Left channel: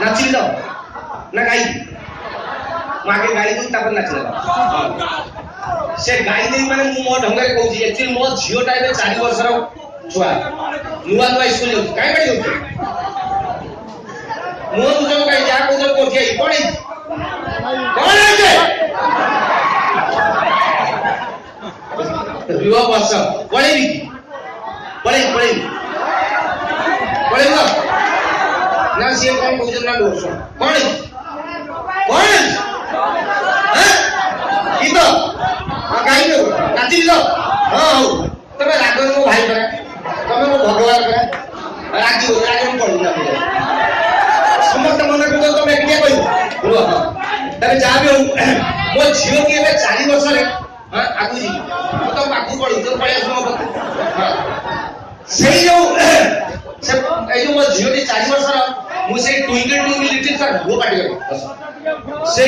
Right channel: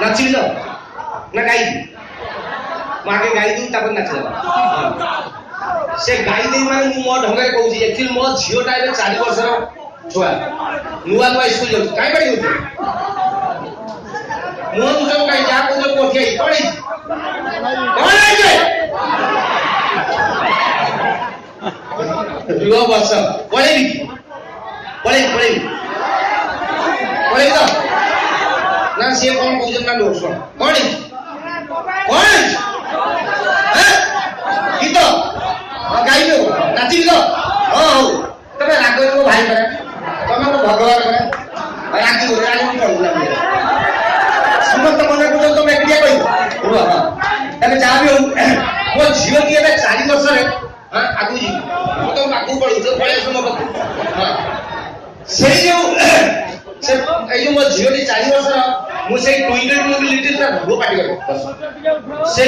नाचिल ना गाई मागे गाई दू तापर नाचिल से गाई दे माने मो ढंगे कहूची एक्चुअली मो झियोटा ए 4 वर्षर छुआ नुआ नुआ स्कूल जाउ काई पड़ी होते मो मुझे काई जा को जो कोठी आई पड़ी कौन है के रिवा वर्ष पड़ेगी पड़े ना से कौन कहू ना लोग सुन कौन की तो गाई लो नाची लो हां तबे राग मो भाई करे तमे मो भगवान करे रागी पड़ू ना समस्त मन को तमे एकटिया कहि हो हां तबे जा भी हो मो झियो की ए 4 वर्ष रे हां आगु जी मो तो पाकू पड़ी जो पळे सुनो हां से जो से ए जो मो झियो की 4 वर्ष रा मु से ट्विंकल लिटिल स्टार हो पाटी गयो से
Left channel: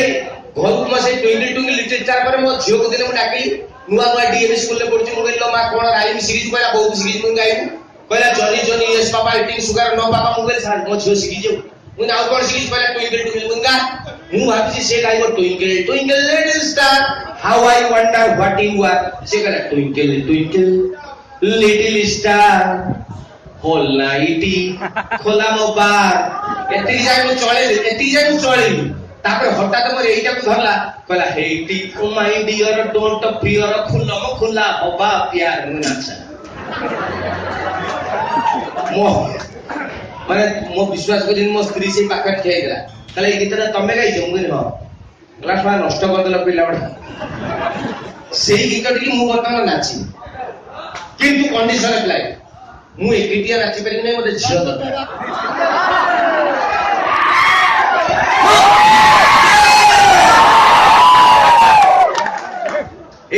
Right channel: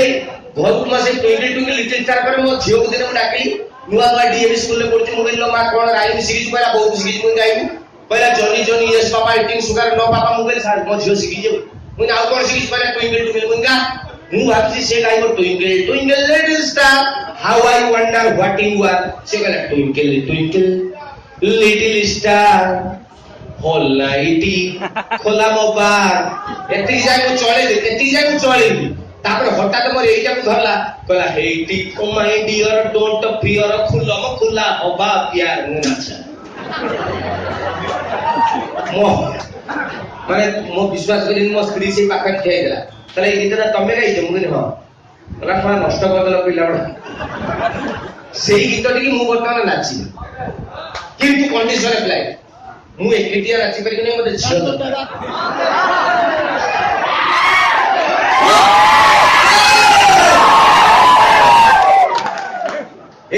घर को से ट्विंकल लिटिल स्टार पर मो झियो को दिन डाकी नुआ नुआ डीएम स्कूल में पढ़ती मुगिलो मा कोन राइम सीरीज कहला बहुत सीरीज मुन जाइबू कहला Johnny Johnny yes papa eating sugar no papa मुगल सार मो झियो सीरीज जो मुन आउ कोन सीरीज कहला ट्विंकल मुंगा मु भाबी से गाइबो twinkle little star how I wonder what you are से कहला ट्विंकल लिटिल स्टार होल नाइटी खोला मोबाइल एती जाय मु चले तापर हठात मोर एइटा को धरला कहला हेटी oh my dear don't fear खुला होबा प्यार मु नाचा मो माने मो विश्वास करी मो स्त्री से पाखा ठेय गेला तले ई गीतटा तमे गाइछे मु कहली हां कहला थोड़ा नष्ट कर देला पिला बडा सेही गीतटी की मु बर्तमान नाची किंतु कंडीशन अप्लाई मु एकटिया नाची पारि नै मते झियो दरकार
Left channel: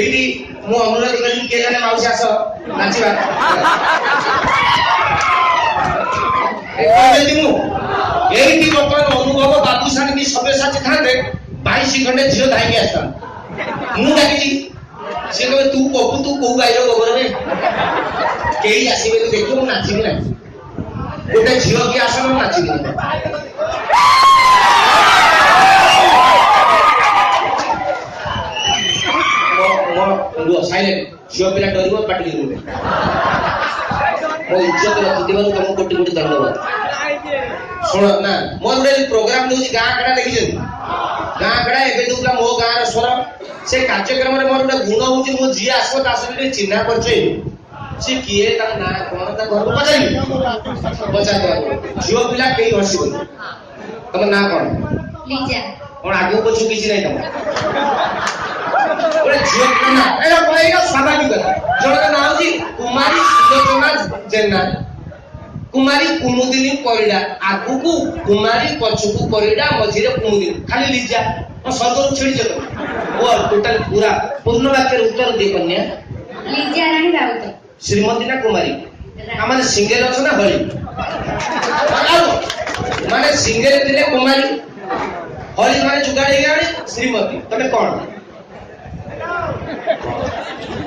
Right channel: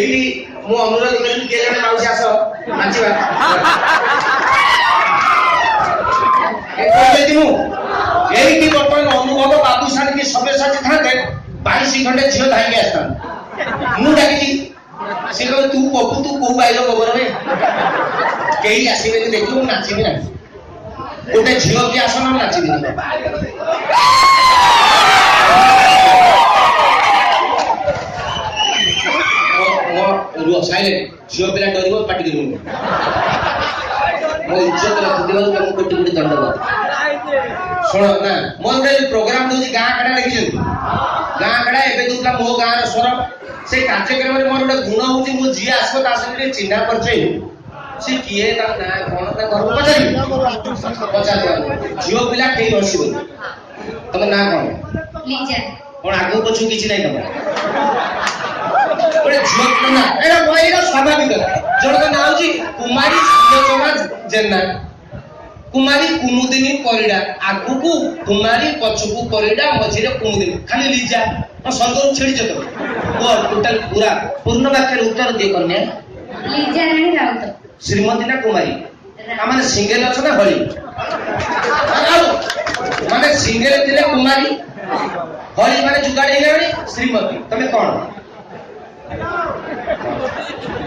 एई मु अनुरोध करी के जने माउसी आसो नाचिबा ए कहले दिनु एई बर्तमान अनुभव बाबू सानी की सबे साथी थाते 22 घंटे झियो धाई आस्ता मु डाकी से कहबे तू को गाइलो गोबर में केही आसीबे देखियो मु नाचिबे ना गोटे झियो के आसन नाचिबे रुआ साइलेंट झियो पिला डरिबो पाटी दिनु मो इज्जत रखि देबा तुम कोटी कोटी दंडवाद सुन ना मो गुडे प्रोग्राम दोजी गां कड़ा देखि जन गां कड़ा एबे दुला मो गां रो स्वर से कार्यक्रम रे मोर गुडे गुण होची मो जिया आसो ता सने चिन्हा परिचय से किए ता ना कोन ता घर को पचारी पचा दिया झियो पिला केही हसिबो तम ना कोन लीजा कोन आगो पछु किछि नै तम ओरे झियो ना एरा बोलेगा स्वाभाविक जण का नाम जी कुमारी सुलोचना जेना कुमारी कुमुदिनी परिडा आगु को कुमारी पछुकु परिडा मझिरे कुमुदिनी खाली लीजा और संदर्भ छेड़ी जतो वो टोटल पूरा पूर्ण वाक्य उत्तर दे कन्या लीजा रानी राउत श्रीमती ना कुमारी माने सिंगल अछि ना हरि माने सिंगल दिले कुमारी हरि माने जुगाड़ी गाड़ी श्रीमती तमे कोन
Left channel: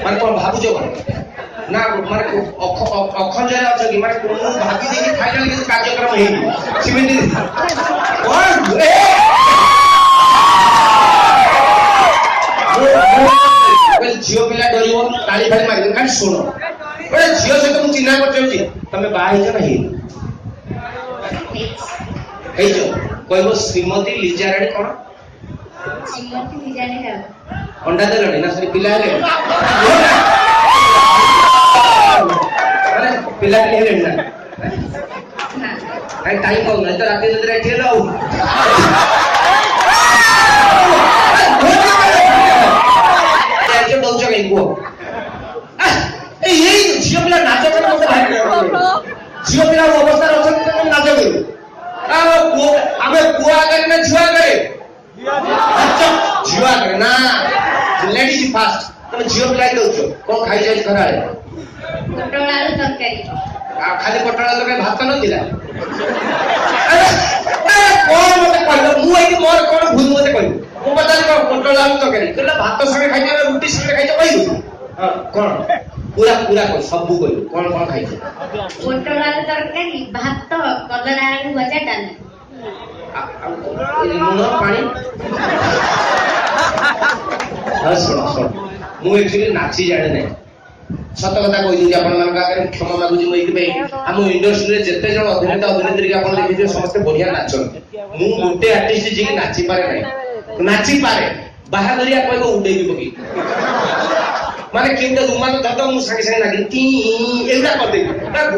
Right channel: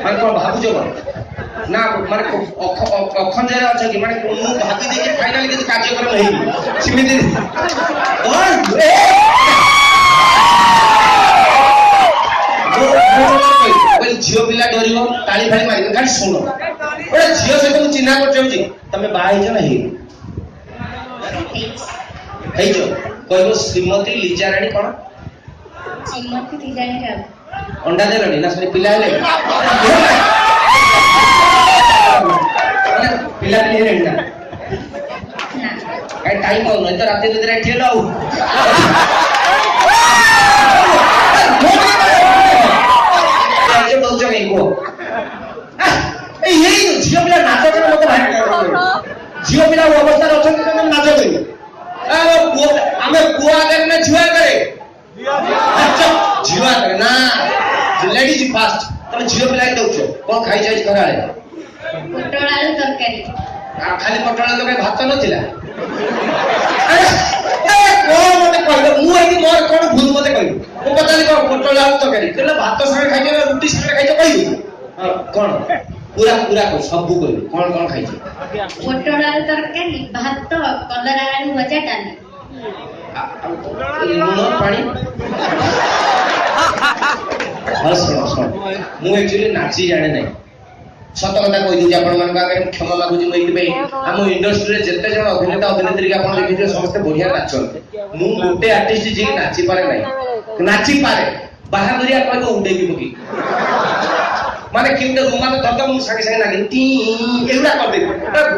माने कोन भाबुजो ना माने अखंजय अछि कि माने कोन भागी दे फाइनल के कार्यक्रम हेई सिमिति ओय ए झियो पिला डरियो ताली फाली मारिबो खाली सुनो ओरे झियो से तुम चिन्हा कर चौची तमे बाहे जो नहीं हे जो कहबो श्रीमती लीजा रानी कोन श्रीमती लीजा रानी राउत अंडा दे ना से पिला ले पिला ले ना भाई टाइम हो नहीं तो रात में ठेल आओ ये बहुत जगह को ए यही झियो पिला नाच कर मते भाई झियो पिला अवस्था रखन तो नाच करे आमे बुआ करे ना झुआ करे अच्छा झुआ करे ना लेडीज फास्ट तमे झियो पिला दउछो कोन खाइ जाय खरा है पटोला तरकारी खाली पटोला तो भात नथिला कोन मते कहलो मु एई मोर कोन भूल मते कहलो मु पताली कोन पटोला तरकारी कहला भात संगे खाइ जाय रोटी संगे खाइ जाय कहलो हां कोन पूरा पूरा को सब कहलो कोन कोन खाइ जाय पटोला तरकारी भात कलरा आलू भजा डाली ଲୁଣ ପାଣି ହଁ ଶୁଣ ମୁଁ ଏକ୍ଚୁଆଲି ନାଚି ଜାଣେ ନାହିଁ ସତ କଥା କହିଦେଉଛି ଆପଣମାନଙ୍କ ଆଗରେ କ୍ଷମା ମାଗୁଛି ମୁଁ ଏଇଥିପାଇଁ ଆମ ଇଣ୍ଡଷ୍ଟ୍ରିରେ ଯେତେ ଜଣ ଅଭିନେତା ଅଭିନେତ୍ରୀ ଆପଣ ଦେଖିଥିବେ ସମସ୍ତେ ବଢିଆ ନାଚନ୍ତି ମୁଁ ଗୋଟେ ଆର୍ଟିଷ୍ଟ ଯିଏ ନାଚିପାରେ ନାହିଁ ନାଚିପାରେ ବାହାଘରିଆ କହିବ ଉଡେଇକି ପକେଇ ମାନେ କେଉଁଟା ରୁମାଲ ଧର ମୁଁ ସାଙ୍ଗେ ସାଙ୍ଗେ ଲାଗି ଏଗୁଡା କରିଦେବି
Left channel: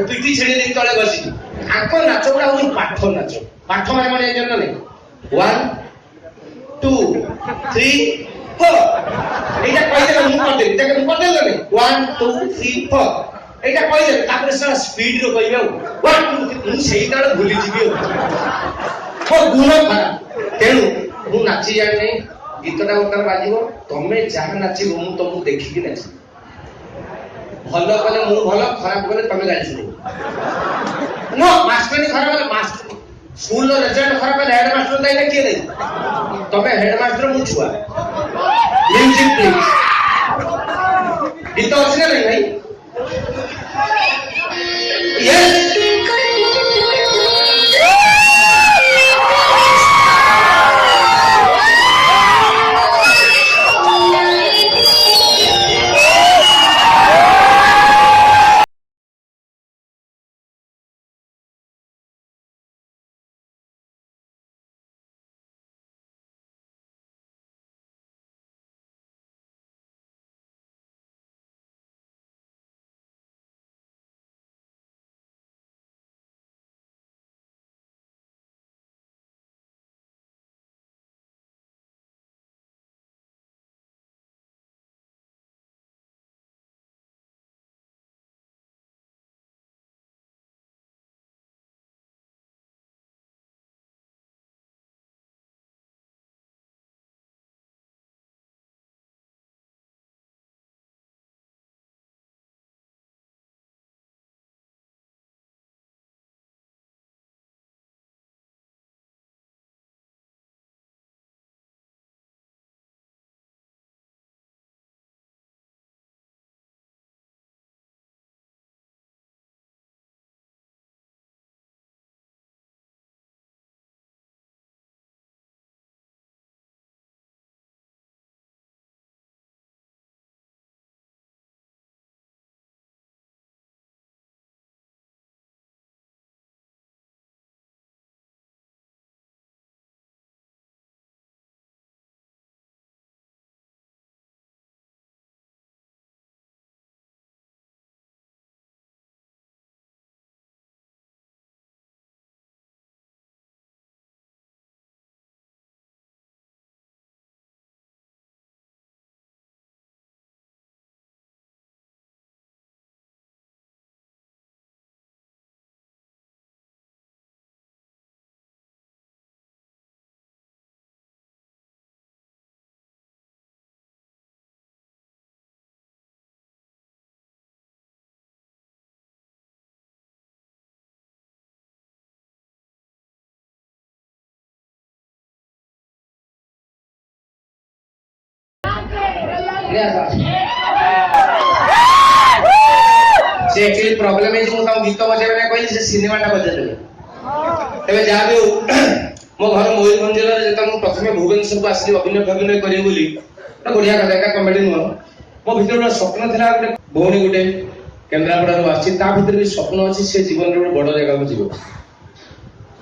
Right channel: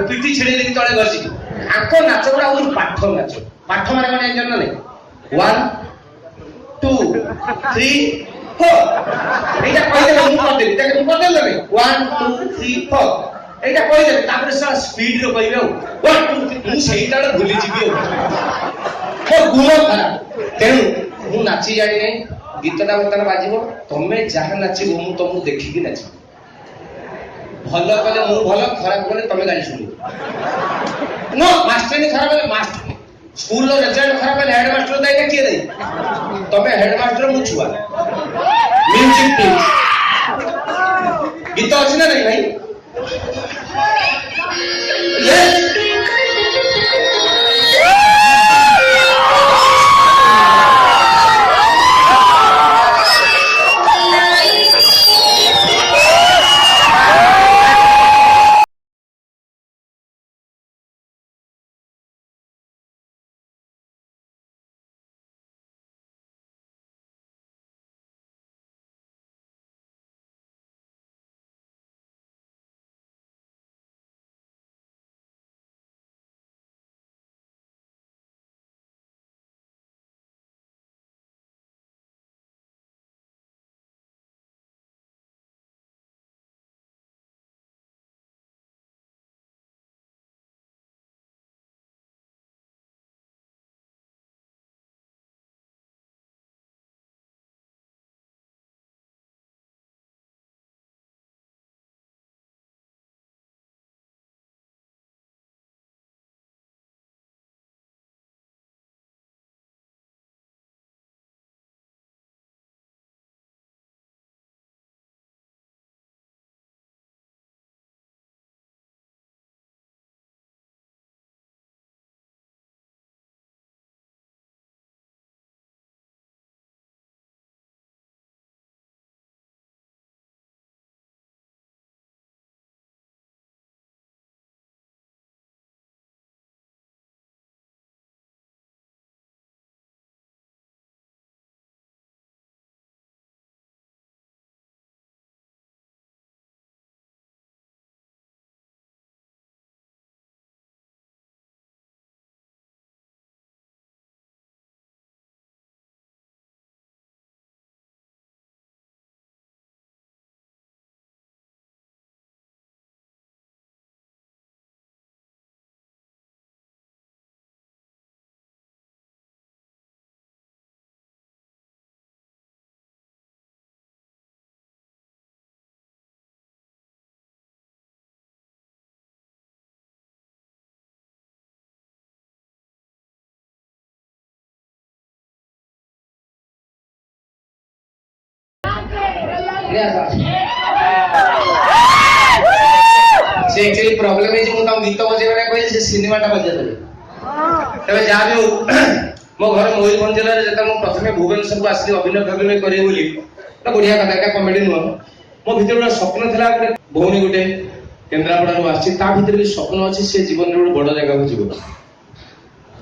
ପିଠି ଛେଳି ଦେଇକି ତଳେ ବସିକି ଆଙ୍କ ନାଚ ଗୁଡା ହଉଛି ପାଠ ନାଚ ପାଠ ମାନେ କଣ ଜାଣିଛ ନା ନାଇଁ 1 2 3 4 এইটা କହିଦେବେ ମୁଁ କରିଦେବି ଦେଖେ ମୁଁ କରିଦେବି ନାଇଁ 1 2 3 4 এইটা କହିଦେବେ ତାପରେ ସାର୍ ସ୍ପିଡ ରେ କହିବେ ଆଉ 1 2 3 ମୁଁ ସେଇଟା ବେଳେ ଭୁଲି ଯିବି ଆଉ ମୋ ଗୁଣ ଖରାପ ତେଣୁ ମୁଁ ନାଚି ଜାଣି ନାହିଁ ଗୀତଟା ବର୍ତ୍ତମାନ ବାଜିବ ତମେ ଯାହା ନାଚିବ ମୁଁ ତମକୁ ଦେଖିକି ନାଚିବି ଭଲ କଲେ ମୁଁ ଭଲ ଖରାପ କଲେ ତମେ ଗାଳି ଶୁଣିବ नो ମାଷ୍ଟର ଖରାପ ହେଲେ ମାଷ୍ଟର ସ୍କୁଲ ରେଜଲ୍ଟ ଖରାପ ହେଲେ ହେଡ ମାଷ୍ଟର ଦାୟୀ ନା କିଏ ଦାୟୀ ତମେ ହେଡ ମାଷ୍ଟର ମୁଁ ଛୁଆ म्यूजिक प्लीज गीत अच्छी ना नहीं भाई यस से एक्चुअली प्रॉब्लम है जो मुझे गीत बजेबे ना कहली से सिनेमाटा बजेदेले तबे जा भी हो मो घर मयूरभंज जिले में जब प्रथम भुवनेश्वर को आसली अभिनय करिए बोली ना बढ़िया कथा का कॉमेडी नुह मो भीतर गोटे स्वप्न थिला गोटे भौणी गोटे केन्द्रापड़ा आसी ता भीतर भी स्वप्न अच्छी से जीवन रे बड़ जगह को जीव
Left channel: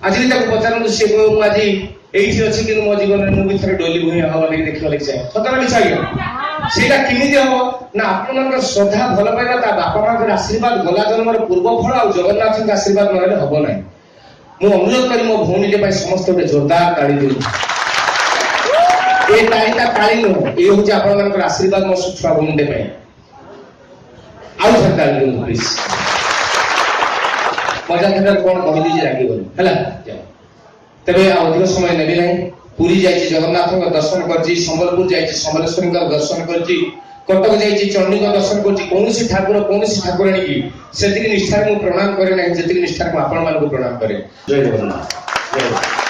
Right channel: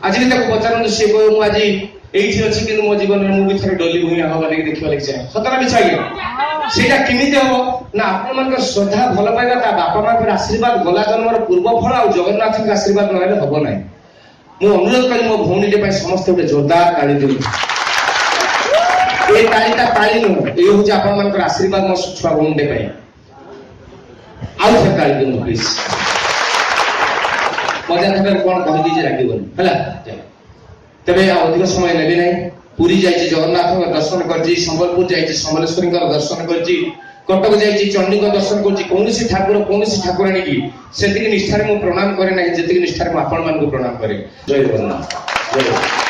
आज भी ताको पचारन से को आज एठी अछि कि मो जीवन में मु भी थरे डोली भुई हवा लगी देखिवा लगी जाए सतरा मिछा के सेटा किमिते हो ना आपन मन श्रद्धा भल पाइबा ता बापा मां के आशीर्वाद गला जन्मर पूर्व फल आ जगन्नाथ के आशीर्वाद नहले हबो नै मु अनुरोध करी मो भौणी के पाई समस्त गोटे जोरदार ताली देबी ए तालीटा ताली नो ए हो जे आपन मन के आशीर्वाद मो छुआ भौणी के पाई आउ से ताली देबो प्लीज मजा थकर कोन कहि दीजे रागी बोल हला तबे अधिक समय लेबी नै पुरी जाइए जगन्नाथ दर्शन कर संबलपुर जाइए समलेश्वरी दर्शन कर कटक जाइए चंडी दर्शन कर कौन ठाकुर कौन ठाकुराणी की से निष्ठार प्रणाम करे ना जी निष्ठार आपण मान प्रणाम करे जय जगन्नाथ जय